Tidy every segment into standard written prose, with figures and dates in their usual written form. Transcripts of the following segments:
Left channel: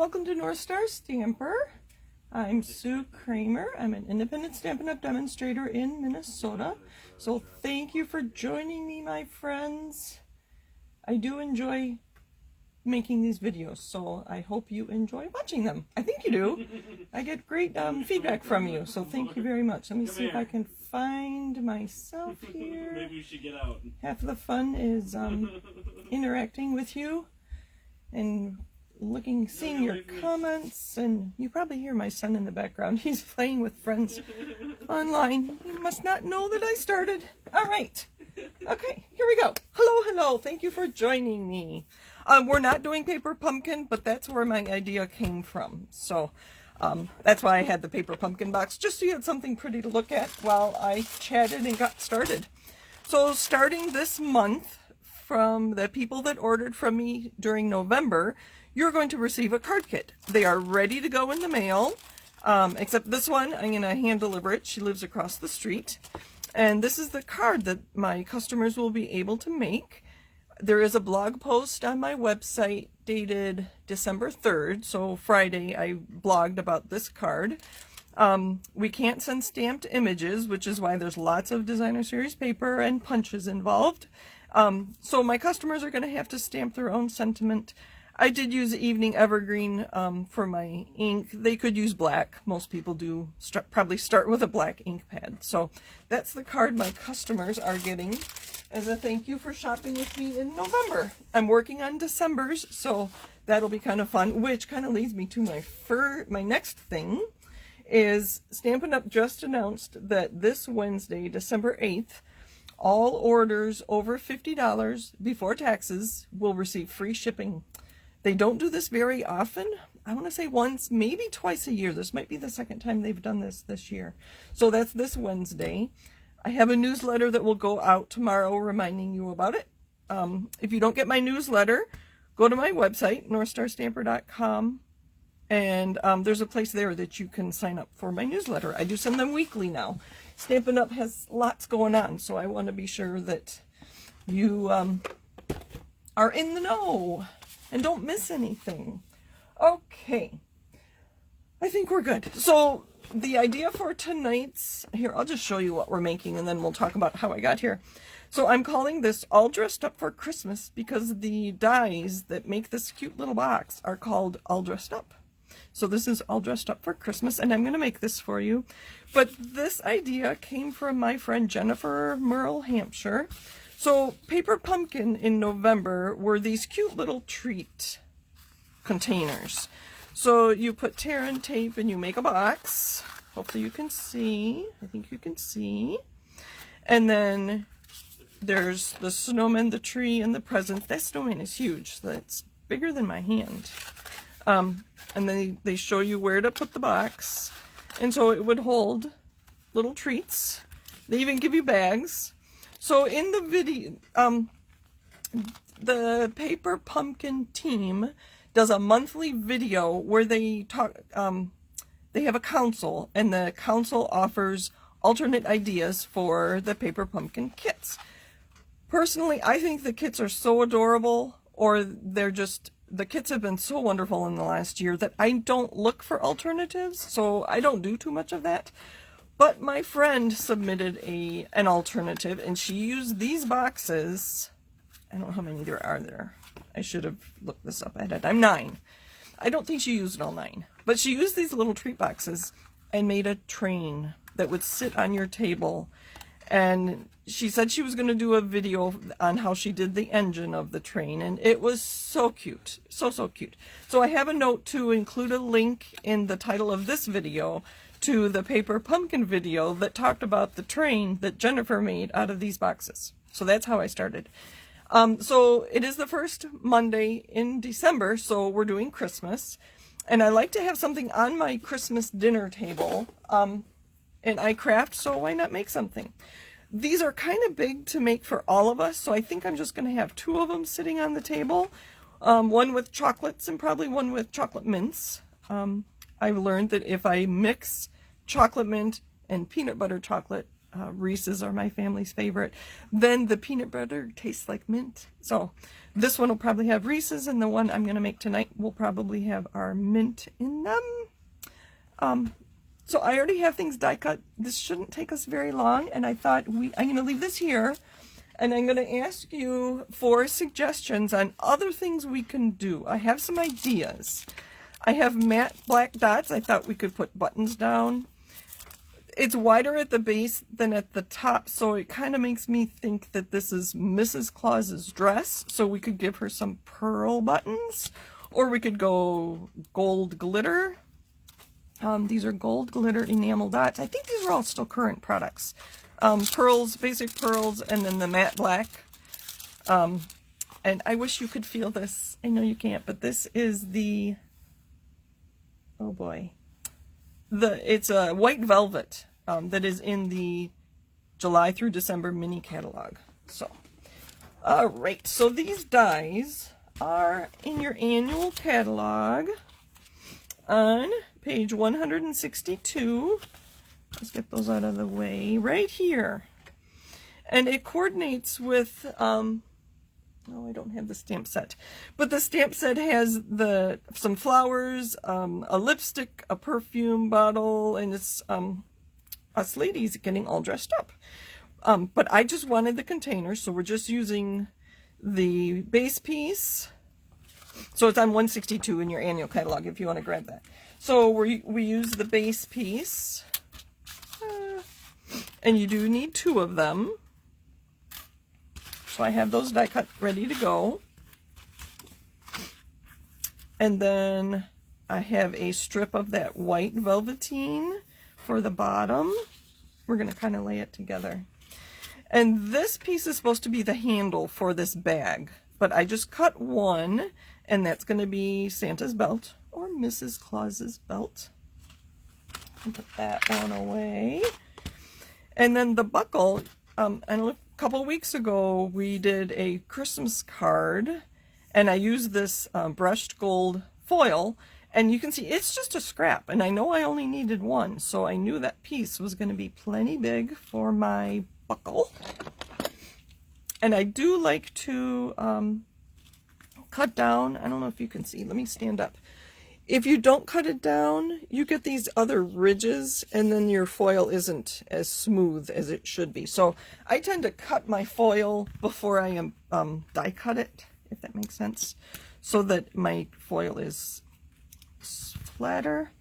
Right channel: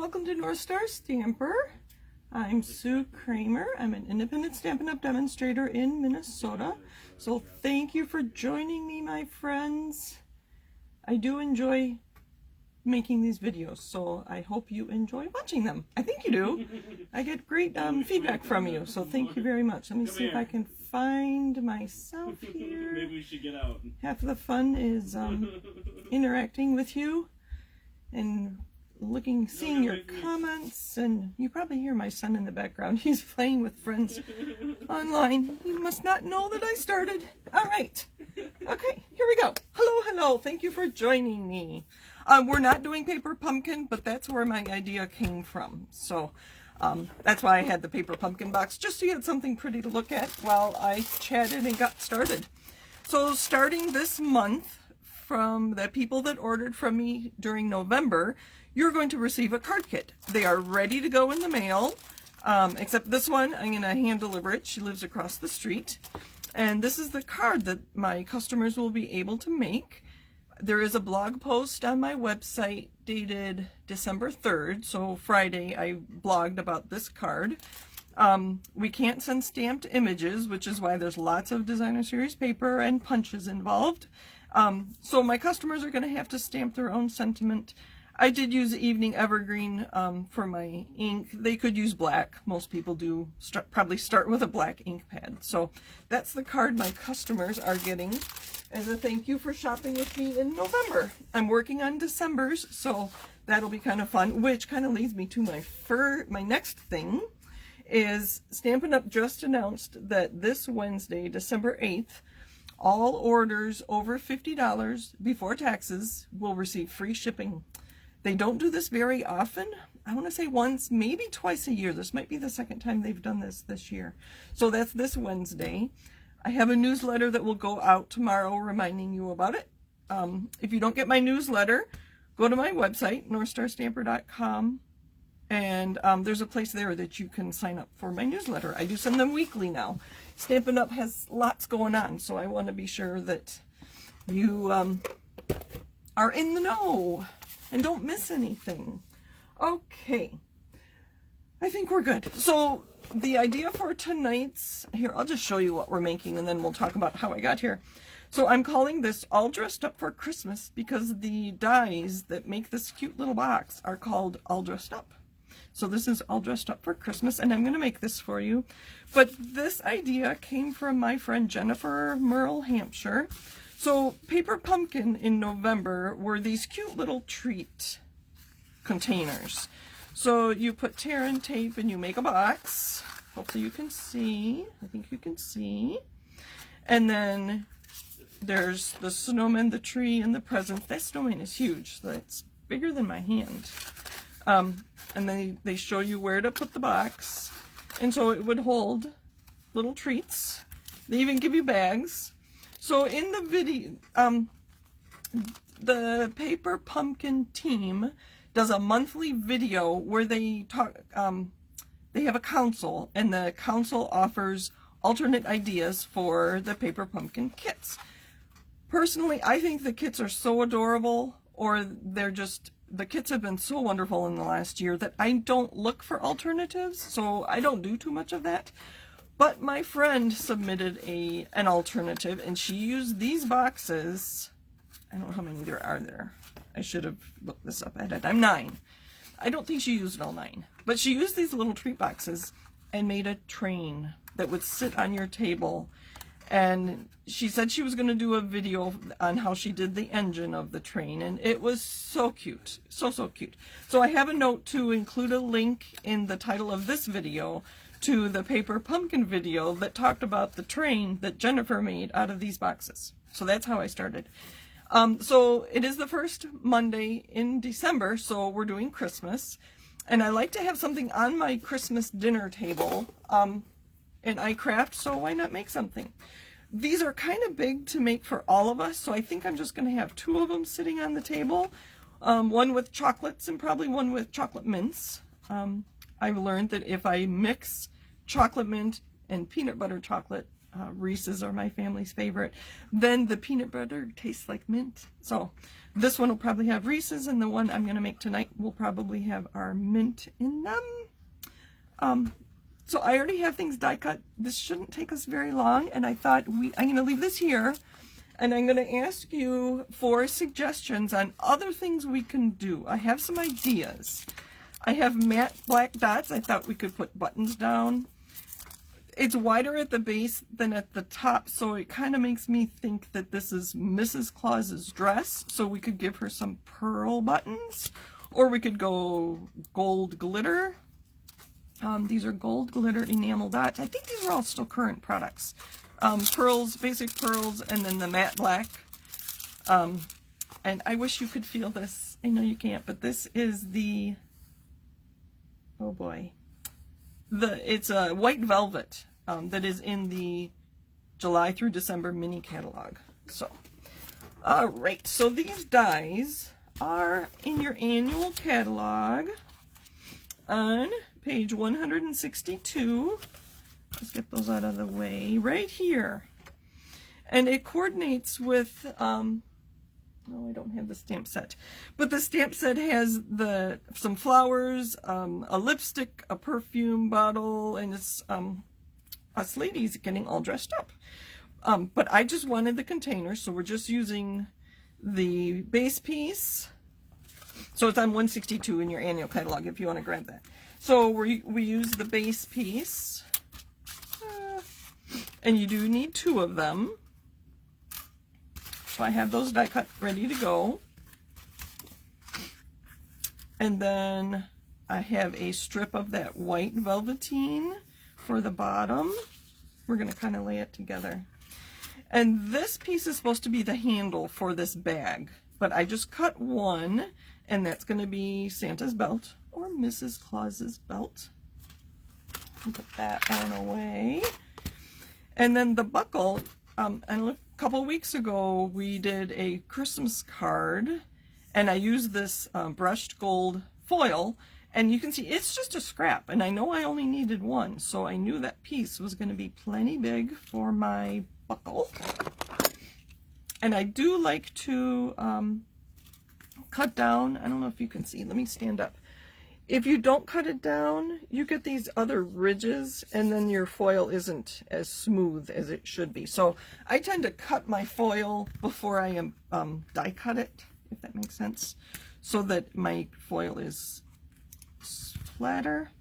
welcome to North Star Stamper. I'm Sue Kramer. I'm an independent Stampin' Up! Demonstrator in Minnesota. So thank you for joining me, my friends. I do enjoy making these videos, so I hope you enjoy watching them. I think you do. I get great feedback from you, so thank you very much. Let me see if I can find myself here. Maybe we should get out. Half of the fun is interacting with you and seeing your comments, and you probably hear my son in the background. He's playing with friends online. You must not know that I started. All right. Okay, here we go. Hello. Thank you for joining me. We're not doing paper pumpkin, but that's where my idea came from. So that's why I had the paper pumpkin box, just so you had something pretty to look at while I chatted and got started. So starting this month, from the people that ordered from me during November, you're going to receive a card kit. They are ready to go in the mail, except this one, I'm going to hand deliver it. She lives across the street. And this is the card that my customers will be able to make. There is a blog post on my website dated December 3rd, so Friday I blogged about this card. We can't send stamped images, which is why there's lots of designer series paper and punches involved. So my customers are going to have to stamp their own sentiment. I did use Evening Evergreen for my ink. They could use black. Most people do probably start with a black ink pad. So that's the card my customers are getting as a thank you for shopping with me in November. I'm working on December's, so that'll be kind of fun, which kind of leads me to my next thing is Stampin' Up! Just announced that this Wednesday, December 8th, all orders over $50 before taxes will receive free shipping. They don't do this very often. I want to say once, maybe twice a year. This might be the second time they've done this year. So that's this Wednesday. I have a newsletter that will go out tomorrow reminding you about it. If you don't get my newsletter, go to my website, northstarstamper.com, and there's a place there that you can sign up for my newsletter. I do send them weekly now. Stampin' Up! Has lots going on, so I want to be sure that you are in the know and don't miss anything. Okay, I think we're good. So the idea for tonight's, here, I'll just show you what we're making and then we'll talk about how I got here. So I'm calling this All Dressed Up for Christmas because the dies that make this cute little box are called All Dressed Up. So this is All Dressed Up for Christmas, and I'm going to make this for you. But this idea came from my friend Jennifer, Merle, Hampshire. So paper pumpkin in November were these cute little treat containers. So you put tear and tape and you make a box. Hopefully you can see. I think you can see. And then there's the snowman, the tree, and the presents. That snowman is huge. So it's bigger than my hand. And then they show you where to put the box. And so it would hold little treats. They even give you bags. So in the video, the Paper Pumpkin team does a monthly video where they talk, they have a council, and the council offers alternate ideas for the Paper Pumpkin kits. Personally, I think the kits are so adorable, or they're just, the kits have been so wonderful in the last year that I don't look for alternatives, so I don't do too much of that. But my friend submitted an alternative, and she used these boxes. I don't know how many there are there. I should have looked this up at it. I'm 9. I don't think she used all 9. But she used these little treat boxes and made a train that would sit on your table. And she said she was going to do a video on how she did the engine of the train, and it was so cute. So cute. So I have a note to include a link in the title of this video to the Paper Pumpkin video that talked about the train that Jennifer made out of these boxes. So that's how I started. So it is the first Monday in December, so we're doing Christmas. And I like to have something on my Christmas dinner table. And I craft, so why not make something? These are kind of big to make for all of us, so I think I'm just going to have 2 of them sitting on the table. One with chocolates and probably one with chocolate mints. I've learned that if I mix chocolate mint and peanut butter chocolate, Reese's are my family's favorite. Then the peanut butter tastes like mint. So this one will probably have Reese's, and the one I'm going to make tonight will probably have our mint in them. So I already have things die cut. This shouldn't take us very long, and I thought I'm going to leave this here, and I'm going to ask you for suggestions on other things we can do. I have some ideas. I have matte black dots. I thought we could put buttons down. It's wider at the base than at the top, so it kind of makes me think that this is Mrs. Claus's dress, so we could give her some pearl buttons, or we could go gold glitter. These are gold glitter enamel dots. I think these are all still current products. Pearls, basic pearls, and then the matte black. And I wish you could feel this. I know you can't, but this is the, oh boy. It's a white velvet that is in the July through December mini catalog. So, all right. So these dies are in your annual catalog on page 162. Let's get those out of the way right here. And it coordinates with, oh, I don't have the stamp set, but the stamp set has some flowers, a lipstick, a perfume bottle, and it's us ladies getting all dressed up. But I just wanted the container, so we're just using the base piece. So it's on 162 in your annual catalog if you want to grab that. So we use the base piece, and you do need 2 of them. So I have those die cut ready to go. And then I have a strip of that white velveteen for the bottom. We're going to kind of lay it together. And this piece is supposed to be the handle for this bag, but I just cut one, and that's going to be Santa's belt or Mrs. Claus's belt. Put that on away. And then the buckle, a couple weeks ago we did a Christmas card, and I used this brushed gold foil, and you can see it's just a scrap, and I know I only needed one, so I knew that piece was going to be plenty big for my buckle. And I do like to cut down, I don't know if you can see, let me stand up. If you don't cut it down, you get these other ridges, and then your foil isn't as smooth as it should be. So I tend to cut my foil before I die cut it, if that makes sense, so that my foil is flatter.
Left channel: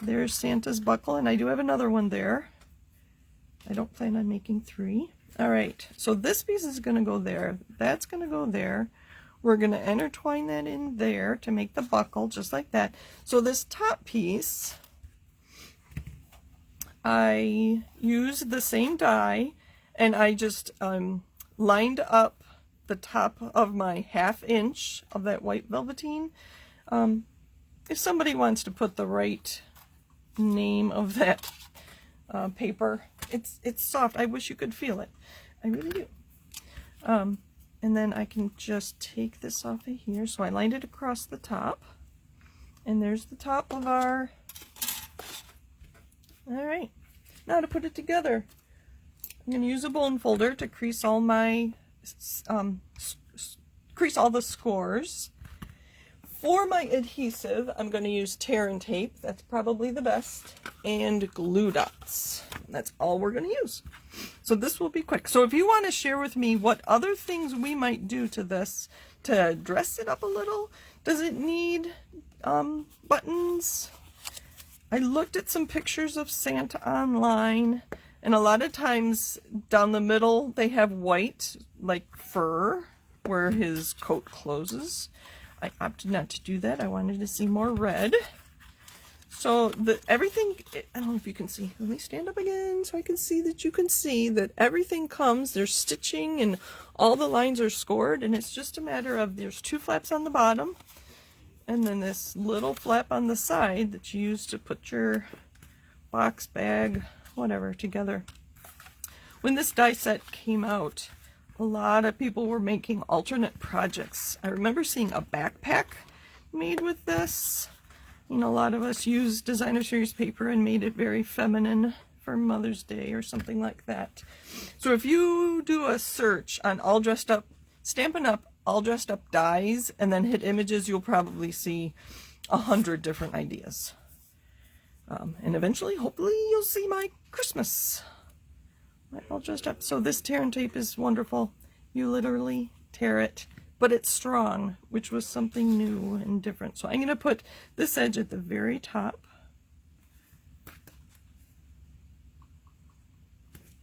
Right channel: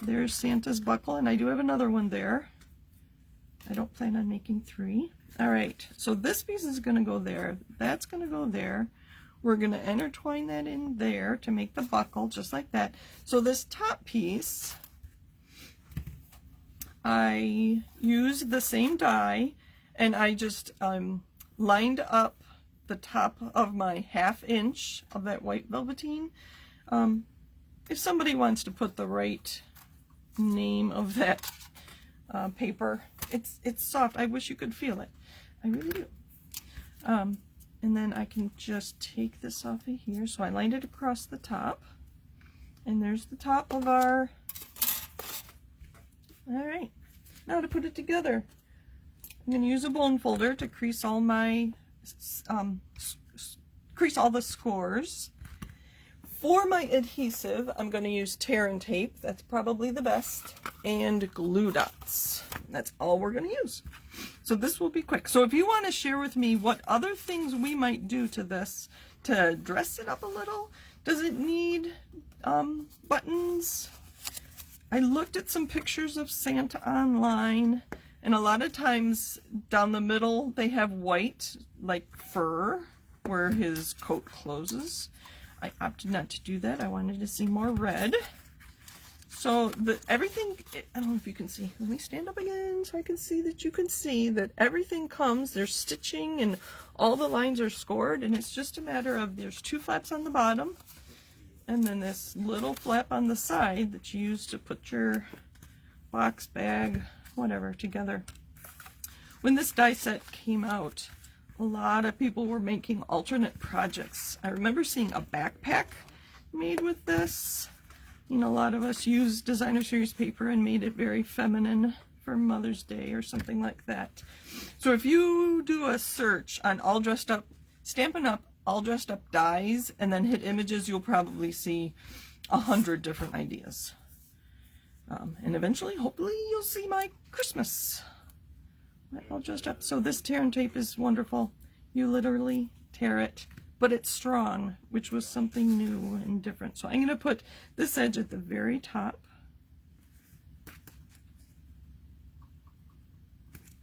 There's Santa's buckle, and I do have another one there. I don't plan on making 3. All right, so this piece is going to go there. That's going to go there. We're going to intertwine that in there to make the buckle, just like that. So this top piece, I used the same die, and I just lined up the top of my 1/2 inch of that white velveteen. If somebody wants to put the right name of that paper, it's soft. I wish you could feel it. I really do. And then I can just take this off of here. So I lined it across the top. And there's the top of our... Alright, now to put it together. I'm going to use a bone folder to crease all my... crease all the scores. For my adhesive, I'm going to use tear and tape. That's probably the best. And glue dots. That's all we're going to use. So this will be quick. So if you want to share with me what other things we might do to this to dress it up a little. Does it need buttons? I looked at some pictures of Santa online, and a lot of times down the middle they have white, like fur, where his coat closes. I opted not to do that. I wanted to see more red. So everything, I don't know if you can see. Let me stand up again so I can see that you can see that everything comes. There's stitching and all the lines are scored, and it's just a matter of there's 2 flaps on the bottom and then this little flap on the side that you use to put your box, bag, whatever together. When this die set came out, a lot of people were making alternate projects. I remember seeing a backpack made with this. You know, a lot of us used designer series paper and made it very feminine for Mother's Day or something like that. So if you do a search on all dressed up, Stampin' Up! All Dressed Up dies, and then hit images, you'll probably see 100 different ideas. And eventually, hopefully, you'll see my Christmas. My All Dressed Up. So this tear and tape is wonderful. You literally tear it, but it's strong, which was something new and different. So I'm going to put this edge at the very top.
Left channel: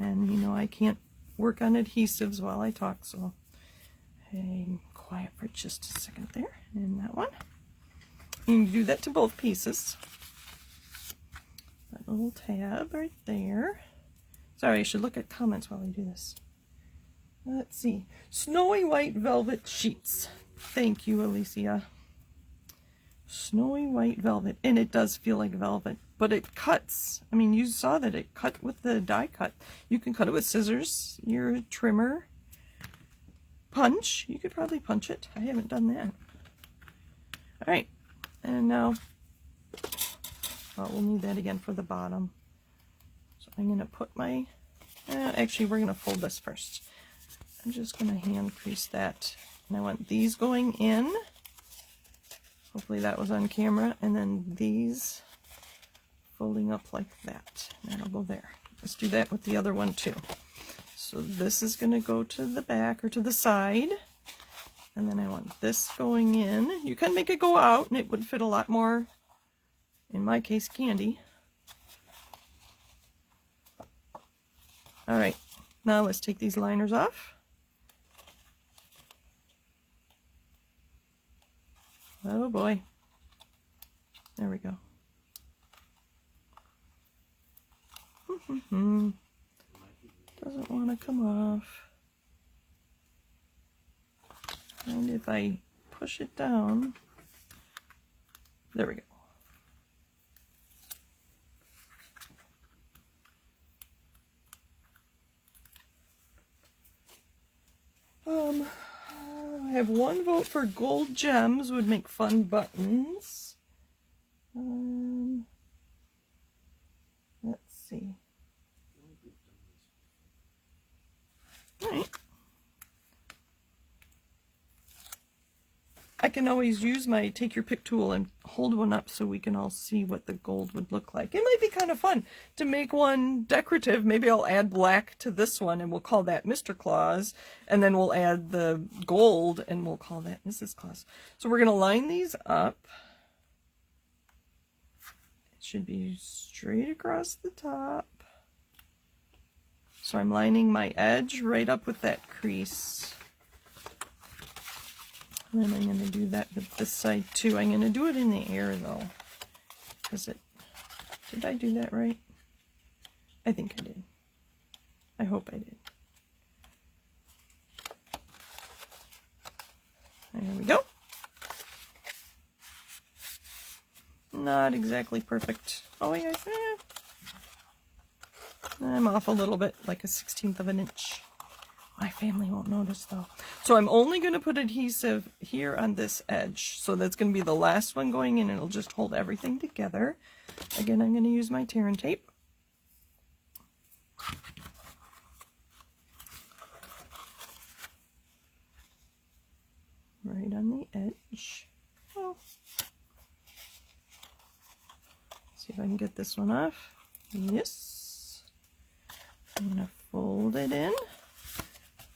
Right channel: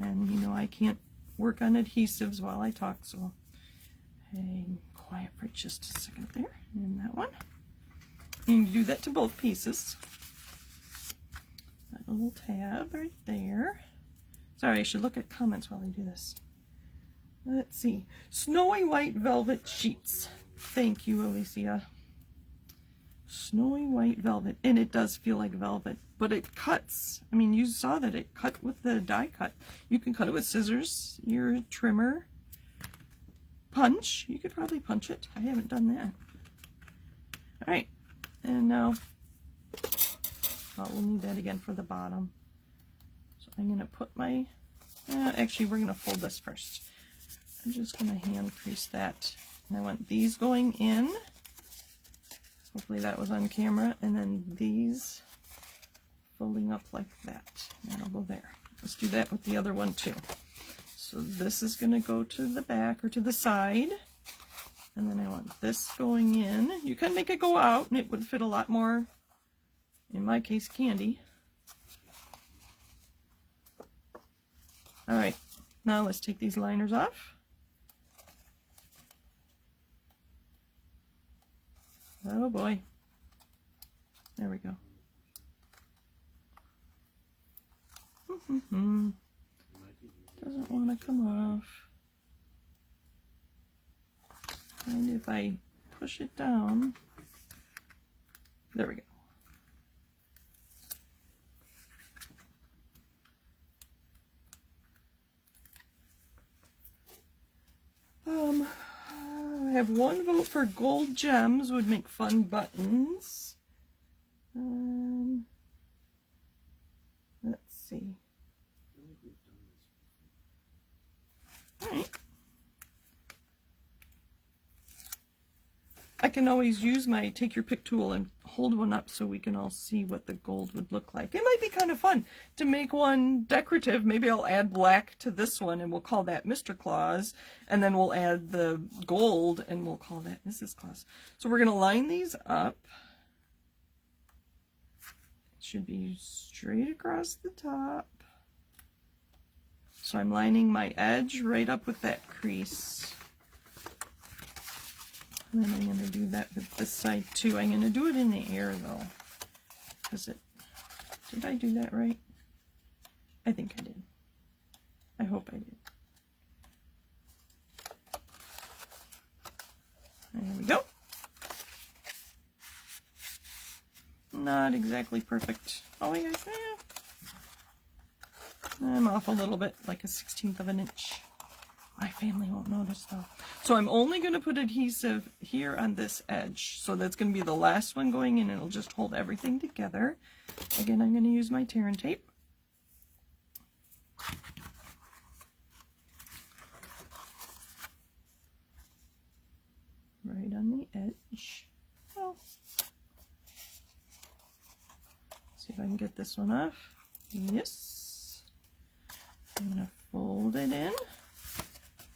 And you know I can't work on adhesives while I talk, so I'm quiet for just a second there. And that one. You can do that to both pieces. That little tab right there. Sorry, I should look at comments while I do this. Let's see. Snowy white velvet sheets. Thank you, Alicia. Snowy white velvet. And it does feel like velvet, but it cuts. I mean, you saw that it cut with the die cut. You can cut it with scissors, your trimmer, punch. You could probably punch it. I haven't done that. All right. And now, well, we'll need that again for the bottom. So I'm going to put my, actually we're going to fold this first. I'm just going to hand crease that. And I want these going in. Hopefully that was on camera. And then these folding up like that. And I'll go there. Let's do that with the other one too. So this is going to go to the back or to the side. And then I want this going in. You can make it go out and it would fit a lot more, in my case, candy. All right, now let's take these liners off. Oh boy. There we go. Doesn't want to come off. And if I push it down, there we go. I have one vote for gold gems would make fun buttons. Let's see. All right. I can always use my take your pick tool and hold one up so we can all see what the gold would look like. It might be kind of fun to make one decorative. Maybe I'll add black to this one and we'll call that Mr. Claus. And then we'll add the gold and we'll call that Mrs. Claus. So we're going to line these up. It should be straight across the top. So I'm lining my edge right up with that crease. And then I'm going to do that with this side too. I'm going to do it in the air though. Because did I do that right? I think I did. I hope I did. There we go. Not exactly perfect. Oh yes, I'm off a little bit, like a 1/16 of an inch. My family won't notice though. So I'm only going to put adhesive here on this edge. So that's going to be the last one going in and it'll just hold everything together. Again, I'm going to use my tear and tape. Right on the edge. Oh. See if I can get this one off. Yes. I'm going to fold it in.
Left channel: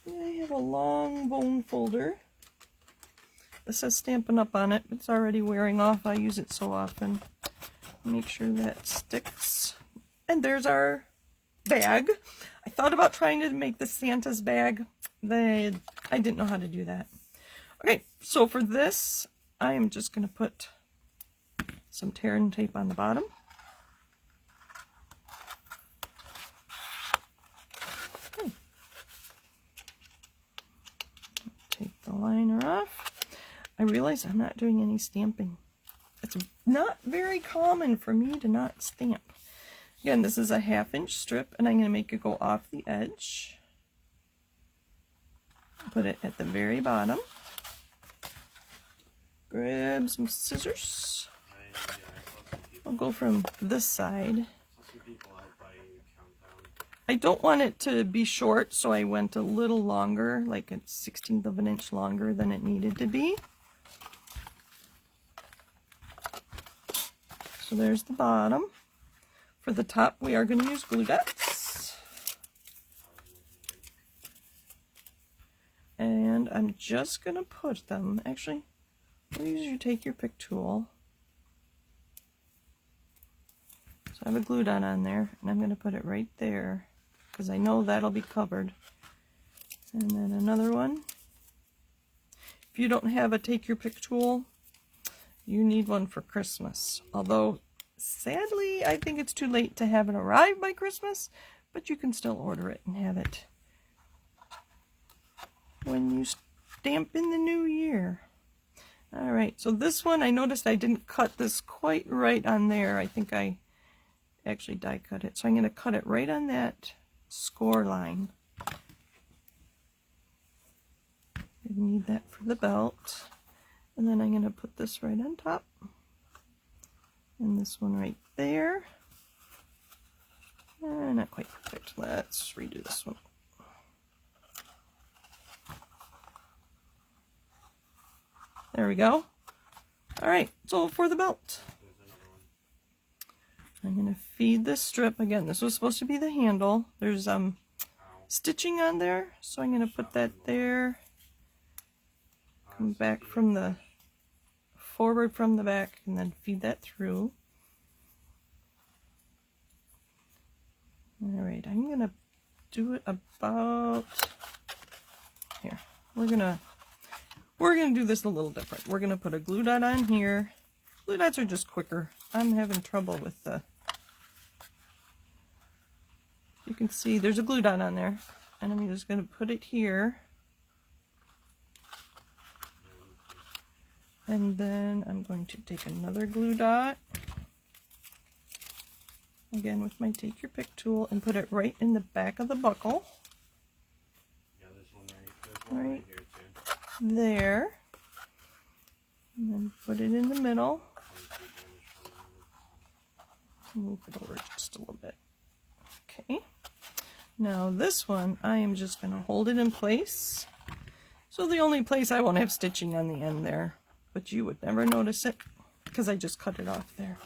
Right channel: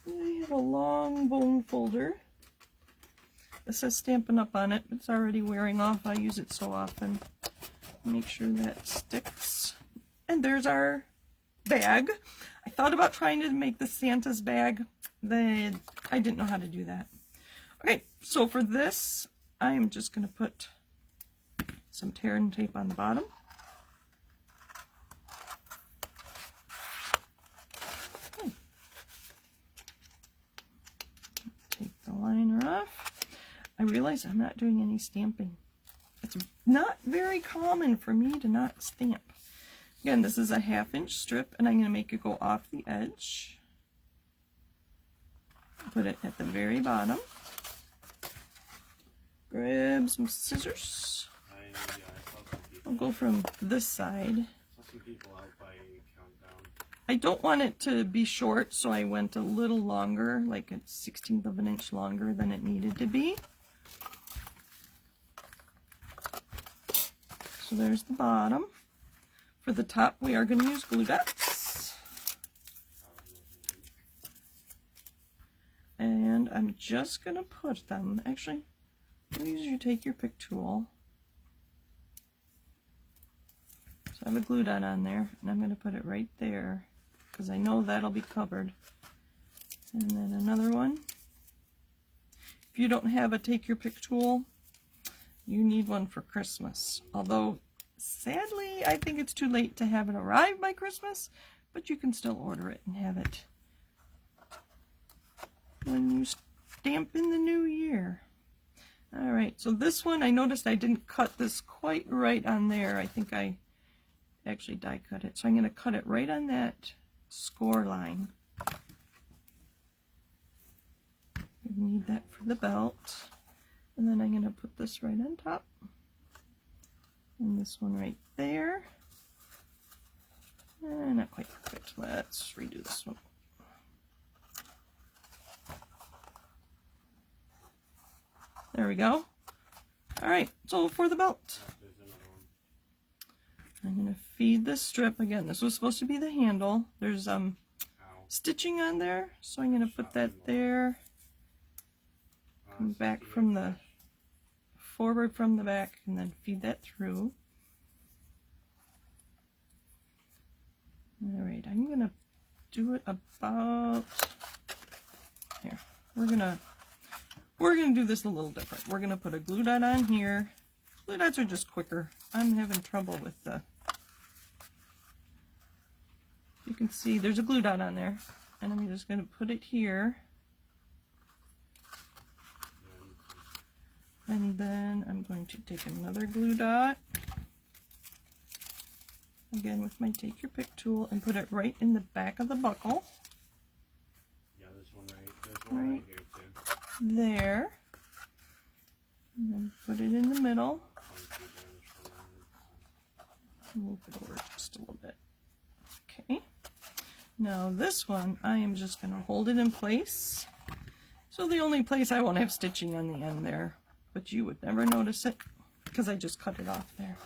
I have a long bone folder. It says Stampin' Up! On it. It's already wearing off. I use it so often. Make sure that sticks. And there's our bag. I thought about trying to make the Santa's bag. I didn't know how to do that. Okay, so for this, I am just going to put some tear and tape on the bottom. Liner off. I realize I'm not doing any stamping. It's not very common for me to not stamp. Again, this is a 1/2 inch strip and I'm going to make it go off the edge. Put it at the very bottom. Grab some scissors. I'll go from this side. I don't want it to be short, so I went a little longer, like a 1/16 of an inch longer than it needed to be. So there's the bottom. For the top, we are going to use glue dots. And I'm just going to put them, actually, use your take your pick tool. So I have a glue dot on there, and I'm going to put it right there, because I know that'll be covered. And then another one. If you don't have a take your pick tool, you need one for Christmas. Although, sadly, I think it's too late to have it arrive by Christmas, but you can still order it and have it when you stamp in the new year. Alright, so this one, I noticed I didn't cut this quite right on there. I think I actually die cut it. So I'm going to cut it right on that score line. I need that for the belt. And then I'm going to put this right on top. And this one right there. Not quite perfect. Let's redo this one. There we go. Alright, so for the belt, I'm going to feed this strip. Again, this was supposed to be the handle. There's stitching on there, so I'm going to put that there. Come back from the forward from the back and then feed that through. Alright, I'm going to do it about here. We're gonna do this a little different. We're gonna put a glue dot on here. Glue dots are just quicker. I'm having trouble with the, you can see there's a glue dot on there, and I'm just gonna put it here. And then I'm going to take another glue dot, again with my take your pick tool, and put it right in the back of the buckle. Yeah, there's one right here too. There. And then put it in the middle. Move it over just a little bit. Okay. Now this one, I am just going to hold it in place. So the only place I won't have stitching on the end there, but you would never notice it because I just cut it off there.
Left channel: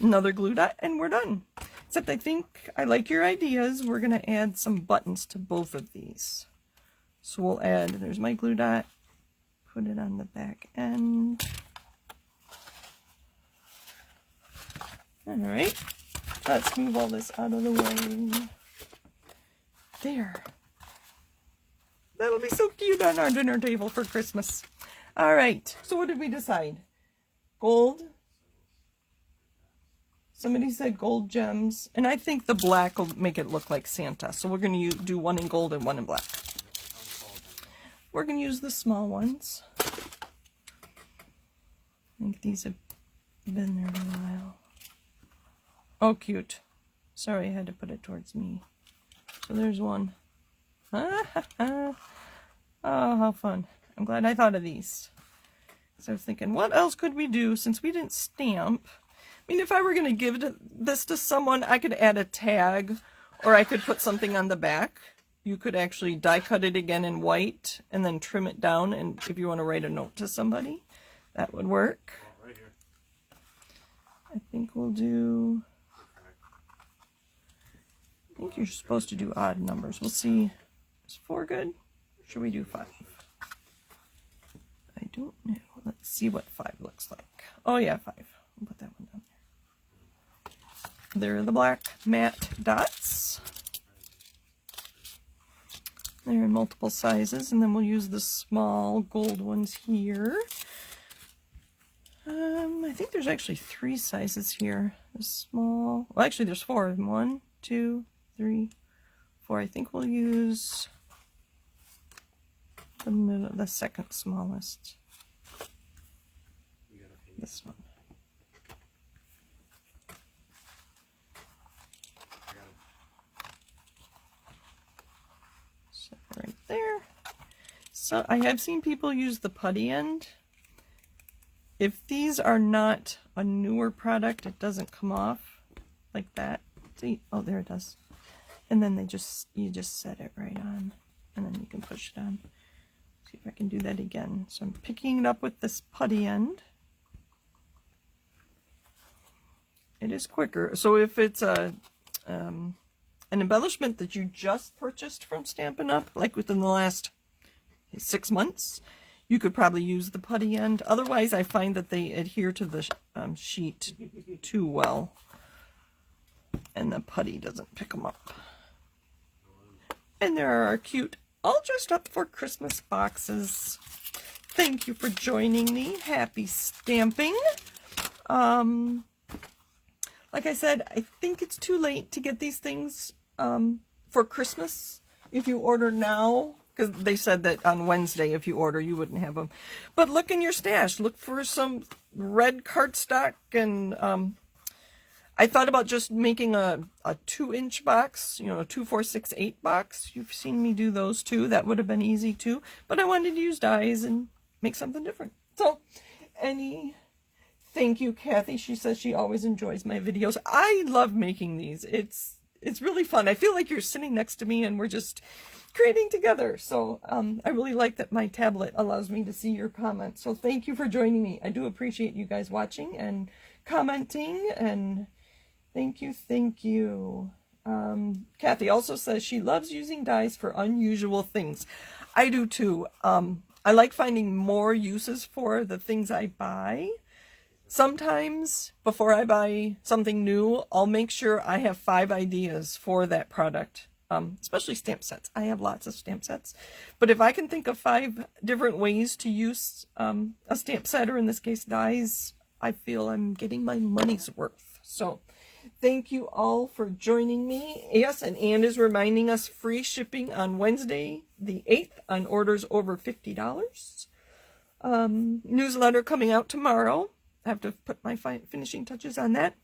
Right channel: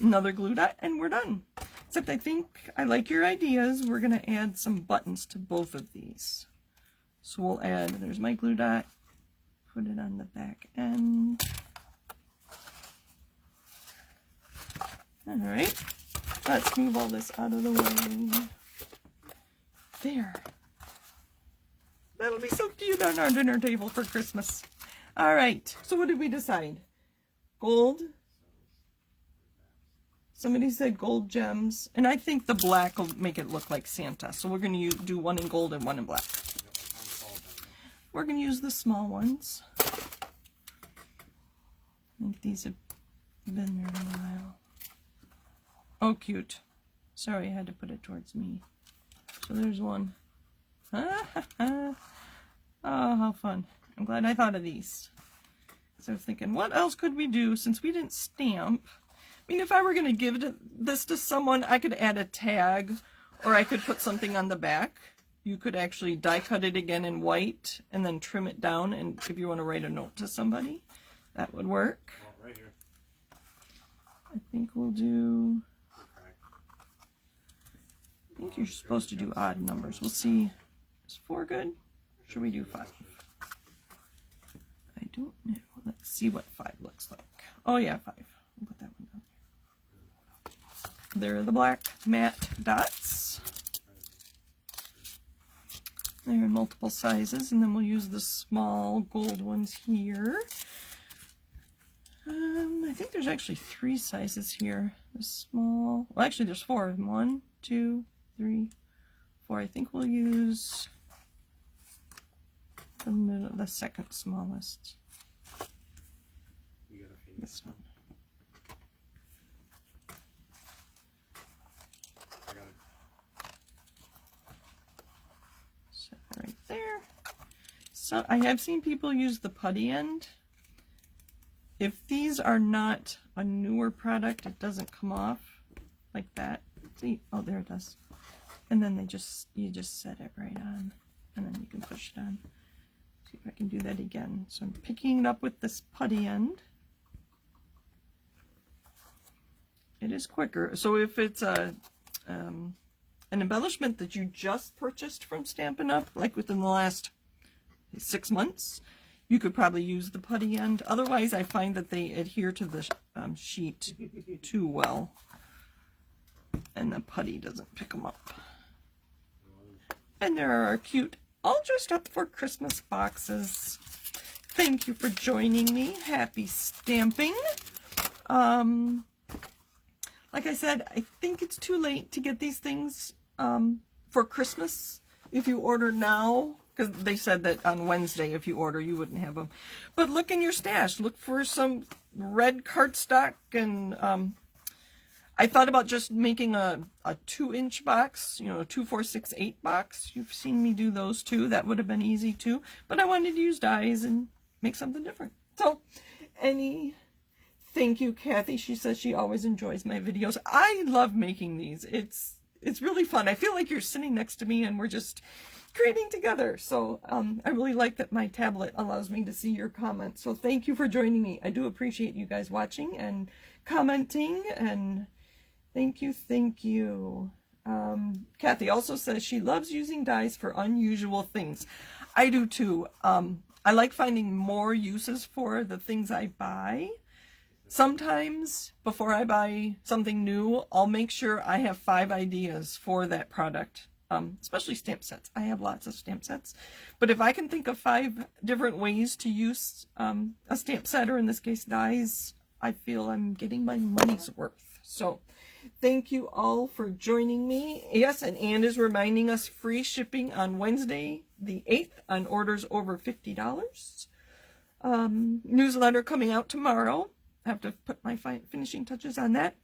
Another glue dot and we're done. Except I think I like your ideas. We're going to add some buttons to both of these. So we'll add, there's my glue dot, put it on the back end. Alright, let's move all this out of the way. There. That'll be so cute on our dinner table for Christmas. Alright, so what did we decide? Gold. Somebody said gold gems, and I think the black will make it look like Santa. So we're going to do one in gold and one in black. We're going to use the small ones. I think these have been there a while. Oh, cute. Sorry, I had to put it towards me. So there's one. Oh, how fun. I'm glad I thought of these. So I was thinking, what else could we do since we didn't stamp? I mean, if I were going to give this to someone, I could add a tag, or I could put something on the back. You could actually die cut it again in white and then trim it down, and if you want to write a note to somebody, that would work. Right here. I think we'll do, I think you're supposed to do odd numbers. We'll see. Is 4 good? Or should we do 5? I don't know. Let's see what 5 looks like. Oh yeah, 5. I'll put that one down there. There are the black matte dots. They're in multiple sizes, and then we'll use the small gold ones here. I think there's actually 3 sizes here. The small, well actually there's 4 of them. 1, 2, 3, 4. I think we'll use the second smallest. This one. So right there. So I have seen people use the putty end. If these are not a newer product, it doesn't come off like that. See, oh there it does. And then you just set it right on, and then you can push it on. See if I can do that again. So I'm picking it up with this putty end. It is quicker. So if it's an embellishment that you just purchased from Stampin' Up, like within the last 6 months, you could probably use the putty end. Otherwise, I find that they adhere to the sheet too well, and the putty doesn't pick them up. And there are our cute, all dressed up for Christmas boxes. Thank you for joining me. Happy stamping. Like I said, I think it's too late to get these things for Christmas if you order now, because they said that on Wednesday if you order you wouldn't have them. But look in your stash. Look for some red cardstock, and I thought about just making a 2-inch box, you know, a 2, 4, 6, 8 box. You've seen me do those too. That would have been easy too. But I wanted to use dies and make something different. So, thank you, Kathy. She says she always enjoys my videos. I love making these. It's really fun. I feel like you're sitting next to me and we're just creating together. So I really like that my tablet allows me to see your comments. So thank you for joining me. I do appreciate you guys watching and commenting, and thank you. Kathy also says she loves using dies for unusual things. I do too. I like finding more uses for the things I buy. Sometimes before I buy something new, I'll make sure I have 5 ideas for that product, especially stamp sets. I have lots of stamp sets, but if I can think of 5 different ways to use a stamp set, or in this case dies, I feel I'm getting my money's worth. So thank you all for joining me. Yes, and Ann is reminding us free shipping on Wednesday the 8th on orders over $50. Newsletter coming out tomorrow. I have to put my finishing touches on that.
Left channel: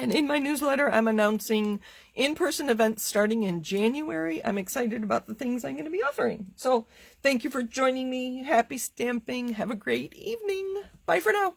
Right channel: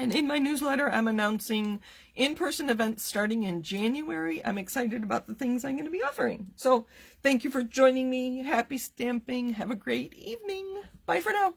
And in my newsletter, I'm announcing in-person events starting in January. I'm excited about the things I'm going to be offering. So thank you for joining me. Happy stamping. Have a great evening. Bye for now.